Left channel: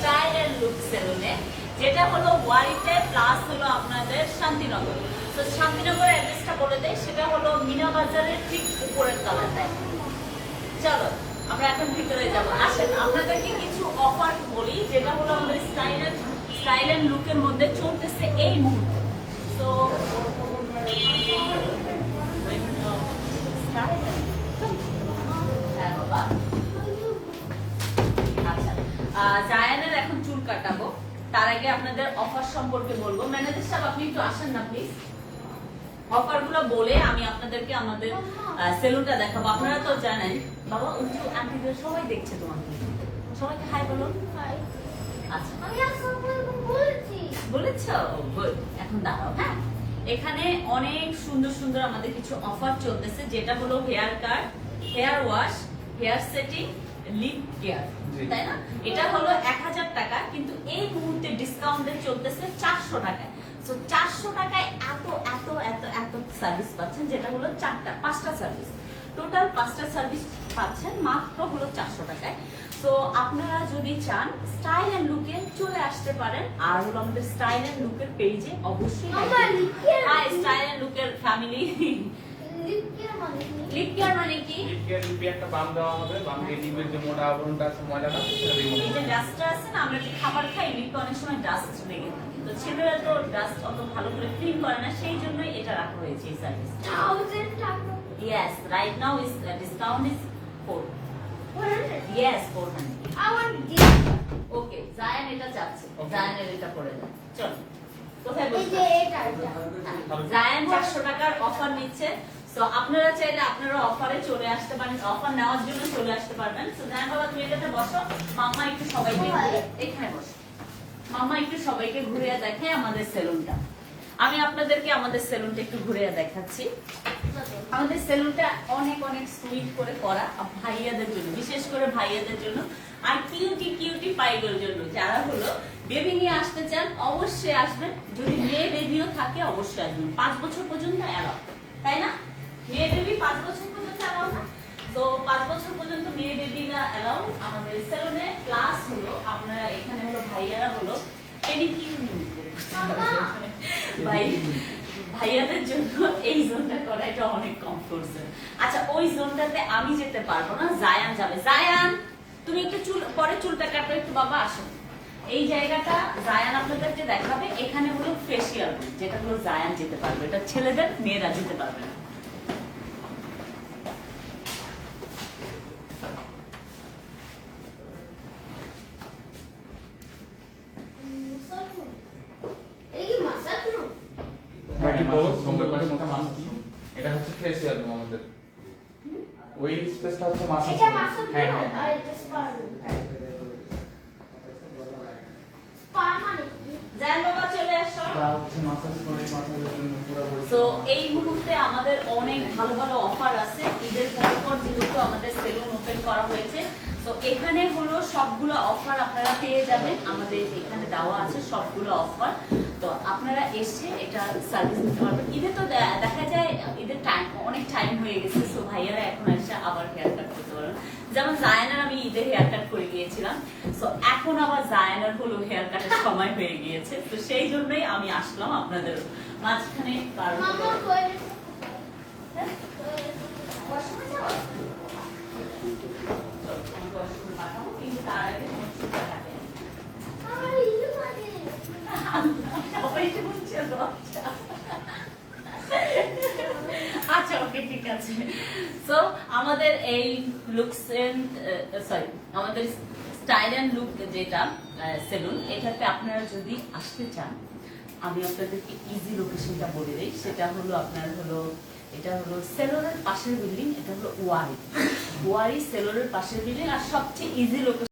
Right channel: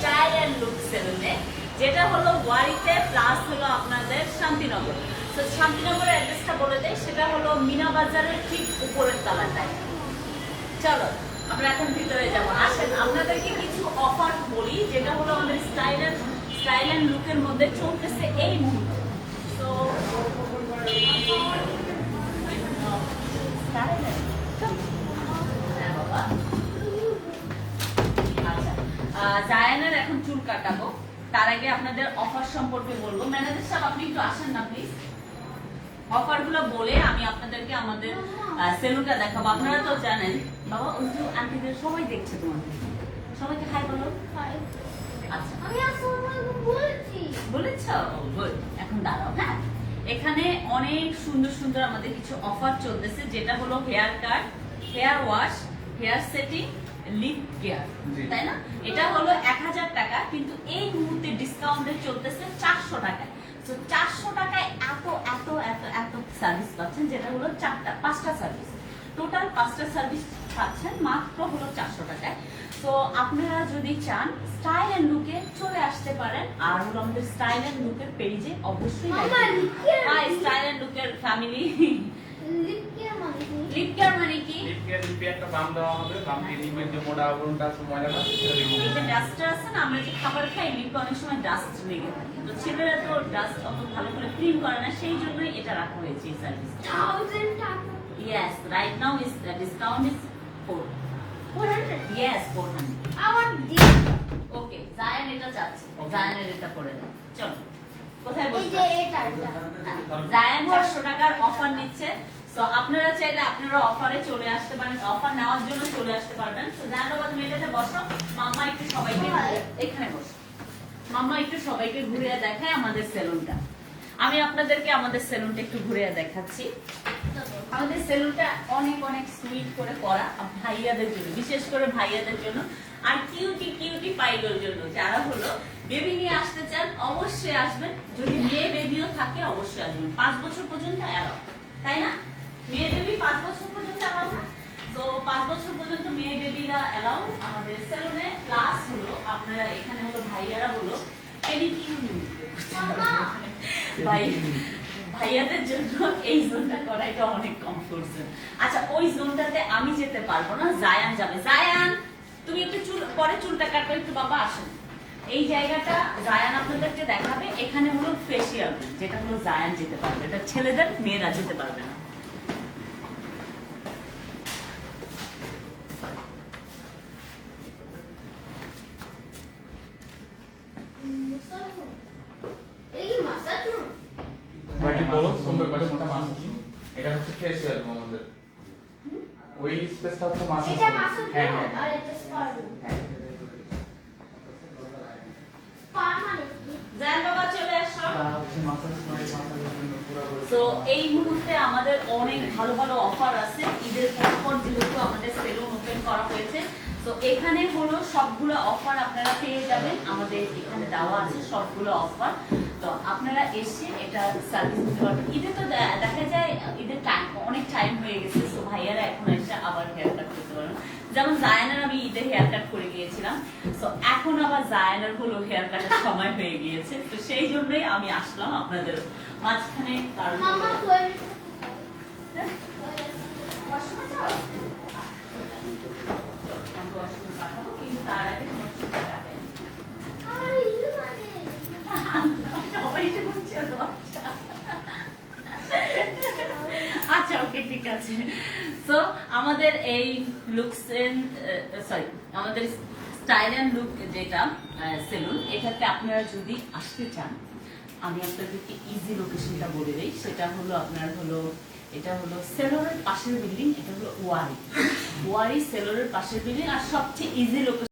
Style and look সেলুনে যেটা হলো ওয়ারিতে প্লাস হলো আপনাদের শান্তিনগর। তো শান্তিনগরের অ্যাড্রেসটা বলে দেয় সেটা হলো মিনা বাজারের ঠিক উপরের তলাটায়। চলো, আমরা এখন ভিতরে যাব। আসেন, আপনাদেরকে কিছু অফার বলি, যেটা হলো আমাদের স্টাইল স্টাইল লুকের মধ্যে চলতেছে এই মুহূর্তে। তো এখন চুল কাটাবো। তার আগে আপনাদের অফার সম্পর্কে বলব। ম্যানেজার সাহেব আপনি একটু আসেন না প্লিজ অফারগুলো বলে আমি আপনাদেরকে আমাদের সেলুনটা দেখাবো। আপনারা তো জানেন। বাবা উঁচু আন্টিদের সবাই দেখছে তোমাকে সবাইকে হাই বলো। আচ্ছা। বলেছ। এখন দাঁড়াও হ্যাঁ? এখানে অনেক সুন্দর সুন্দর আমাদের কিছু অফার চলতেছে যেটা হলো hair cut hair wash hair setting lip care তাই না? এটা হলো এক হাজার টাকা কিন্তু এই মুহূর্তে ডিসকাউন্টে চলতেছে চারশো টাকায়। তো চারশো টাকায় এত এত এত এত সার্ভিস পাচ্ছেন যেটা হলো চারটা পাঁচটা সার্ভিস টোটাল পাঁচটা সার্ভিস পাচ্ছেন মাত্র হলো চারশো টাকায়। তো আপনারা যদি চান স্টাইল এন্ড লুকে চলে আসতে পারেন। আর হলো আমাদের স্টাইল এন্ড লুকের পেজে অবশ্যই স্টাইল এন্ড লুকের ফ্যামিলি? লিপ কেয়ার মানে কি? লিপে একটা বাম দেওয়া হবে। বাম দিয়ে লিপের যে মোটা আবরণটা আছে ময়লাটা সেটা রিমুভ যে ডাস্টটা আছে না আমরা যে খাবার খাই লিপে অনেক সময় ডাস্ট লেগে থাকে। তো ছেলেরা তো ডাস্ট অত ভালো করে ক্লিন করে না সেই জন্যই এটা রাখা হয়েছে এই সার্ভিস Thousand টাকা। Right now is the discount is four. 400? Yes, four hundred. I want Zayan এটা চাচ্ছে। জায়ানের এটা করে দেন চল কোথায় এই যে এটা, এটা। জায়ান চারশো টাকার অফার নিচ্ছে। তো আপনারা চাইলে আপনারা অফারে চলে আসতে পারেন অফার নেওয়ার জন্য চলে আসতে পারবেন। তো বাবা তুমি বসো মামা একটু সবাইকে এখানে বসো। মামা একটু সবাইকে ঘুরে দেখায় আমাদের সেলুনটা আমি আপনাদেরকে আমাদের সেলুনটা একটু ঘুরে দেখাচ্ছি। আমাদের সেলুনটা অনেক অনেক সুইট করে করা ভাইয়াদের জন্য বিশেষ করে ভাইয়াদের জন্য। আর কিউটি কিউটি পাইলোর জন্য যারা হলো বেবি নিয়ে আসতে চান অবশ্যই আসবেন। যদি মেয়ে বেবিও থাকে অবশ্যই আসবেন। পাঁচ বছর পর্যন্ত অ্যালাউ তাই না? মেয়ে পাঁচ বছর পর্যন্ত অ্যালাউ তো পাঁচ বছর পর্যন্ত মেয়ে অ্যালাউ আমাদের সেলুনে প্লাস হলো আপনারা এখানে হলো ভাইয়ারা হলো পেডিকিউর ভাই, ভাইয়াদের জন্য এই জোনটা করা এটা অনেক আচ্ছা ওই জোনটাতে আমি যেতে পারব না জায়ান যাবে। জায়ান তুমি একটু চুল, পরে চুলটা কাটো একটু বাবা আসো এই জায়গাটা জায়ান আপনাদেরকে দেখাবে। এখানে হলো ফেসিয়াল যেটা হলো জায়ান যেতে পারবে। এটা ছেলেদের, মেয়েরা যেতে পারবে না। সুন্দর করে মোটা মানুষ এটা হচ্ছে ফেসিয়াল আমাদের ওই স্পেসটা হচ্ছে হ্যাঁ হ্যাঁ মানে তো এই মুহূর্তে আমাদের অনেক ভালো ভালো অফার আছে। ঈদের পর পর যেহেতু আমাদের সেলুন ওপেন করা হয়েছে তো এখানে হলো সবগুলো অফার আপনারা পেয়ে যাবেন। আমাদের এখানে দেওয়া আছে সবগুলো অফার তো আপনারা এসে এটা সার্ভিস নিতে পারবেন ঈদে তো দেখা যায় ঈদের টাইম অনেক টাইম হয়ে গেছে তো ভাইয়ারা এখন এসে আবার হেয়ার কাট করতে পারবেন যেমন জায়নার আমি ঈদে হেয়ার কাট করে গিয়েছিলাম তো এখন আবার জায়নার হলো হেয়ার কাটের সময় হয়ে গিয়েছে তো সেই জন্যই আমি আসলাম আপনাদের মাঝখানে কারণ মামা হলো- toilet হ্যাঁ? washroom যাও? আমি ওয়াশরুমে পাঠাবো, কিন্তু তার আগে তোমার চুলটা কাটে। আমার ইলু মানে। সবাই তো বলছে, লজ্জা। আচ্ছা ওকে ঠিক আছে। তো আমাদের এই লুকস সরি আমাদের স্টাইল অ্যান্ড লুক যেটা সেলুন এটাতে আপনারা যদি আসতে চান, আমি আপনাদেরকে ইজি লোকেশনটা বলে দিই। সেটা হলো আপনার হলো, এটা হলো সেলরের পাশের বিল্ডিং এটা হলো ওয়ারি। ওয়ারি সেলরের পাশের বিল্ডিং আর সবচেয়ে ইজি লোকেশন